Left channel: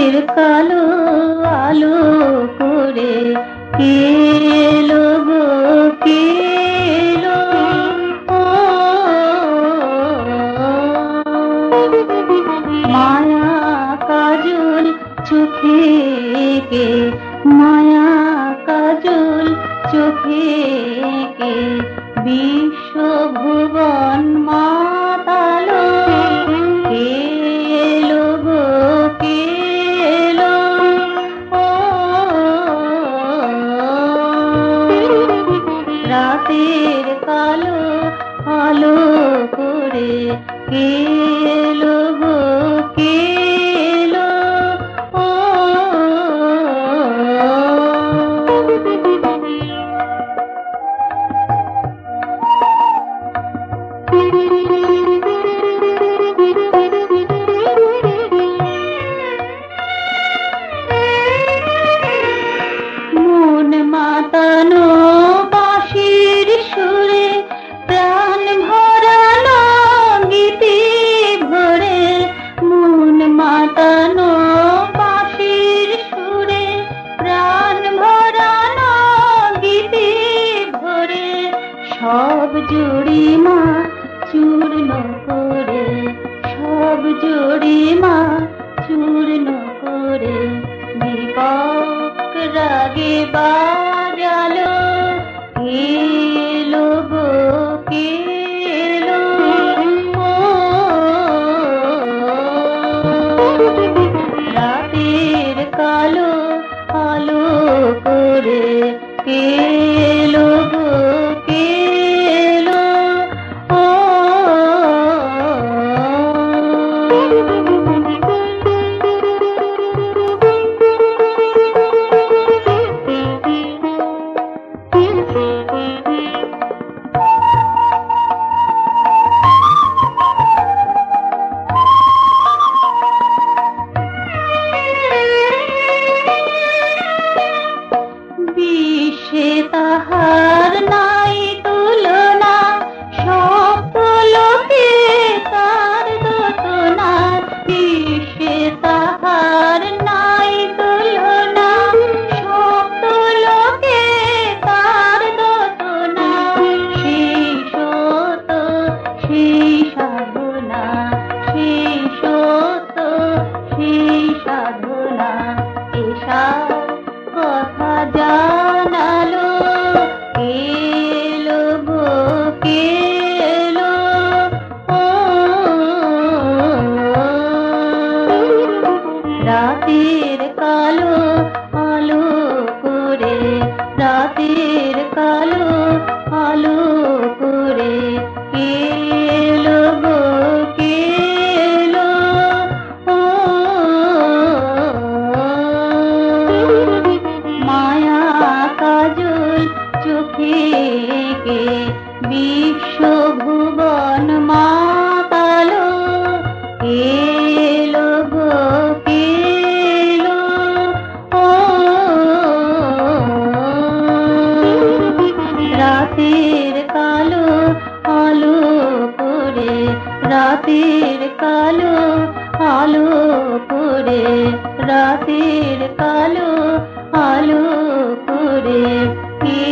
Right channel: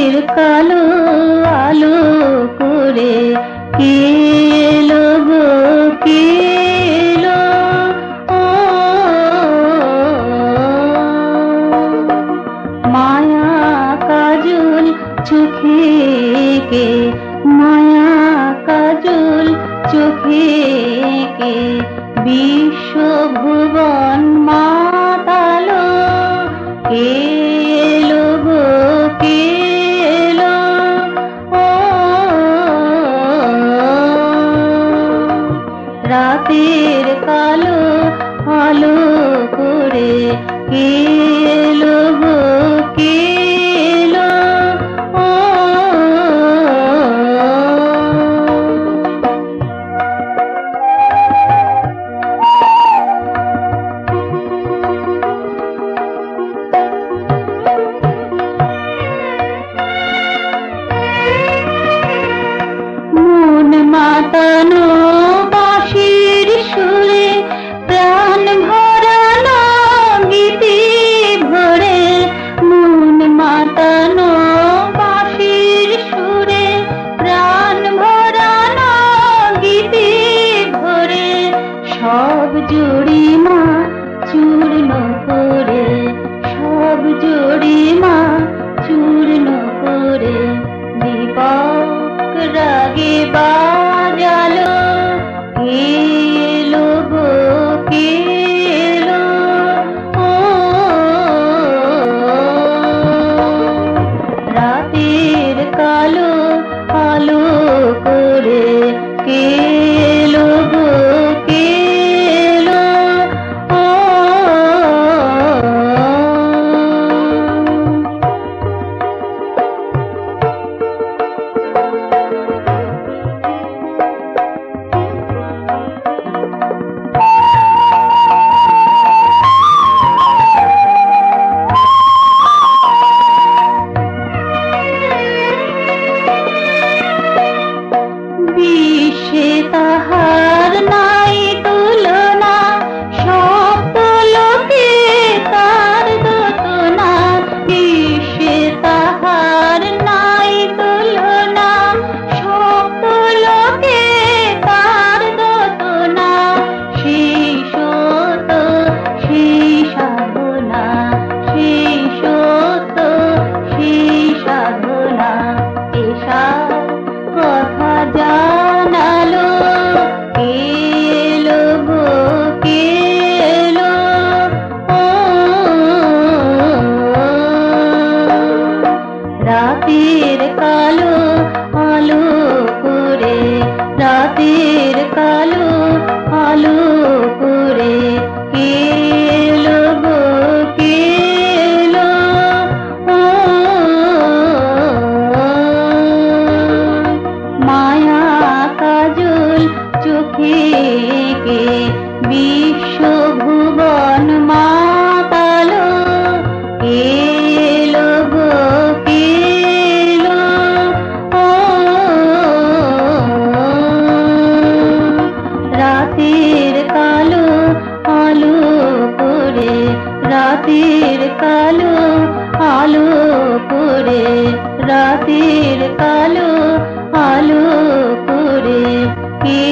রাতের কালো আলো করে কে এলো গো, কে এলো? ও মায়া কাজল চোখে কে, মায়া কাজল চোখে কে বিশ্বভুবন মাতালো। কে এলো গো, কে এলো? ও রাতের কালো আলো করে কে এলো গো, কে এলো? ও মন মাতানো বাঁশির সুরে, প্রাণ ভরানো গীতি ভরে। মন মাতানো বাঁশির সুরে, প্রাণ ভরানো গীতি ভরে। সব জুড়িমা চূর্ণ করে, সব জুড়িমা চূর্ণ করে দীপক রাগে বাজালো। কে এলো গো, কে এলো? ও রাতের কালো আলো করে কে এলো গো, কে এলো? ও বিশ্বে তাহার নাই তুলনা, সপ্ত লোকে তার দোতনা। বিশ্বে তাহার নাই তুলনা, সপ্ত লোকে তার দোতনা। সেই সত সেই সাধনা, সেই সত সেই সাধনা। এসা কথা জানালো। কে এলো গো, কে এলো? ও রাতের কালো আলো করে, রাতের কালো আলো করে কে এলো গো, কে এলো? ও মায়া কাজল চোখে কে বিশ্বভুবন মাতালো। কে এলো গো, কে এলো? ও রাতের কালো আলো করে, রাতের কালো আলো করে, রাতের কালো আলো করে কে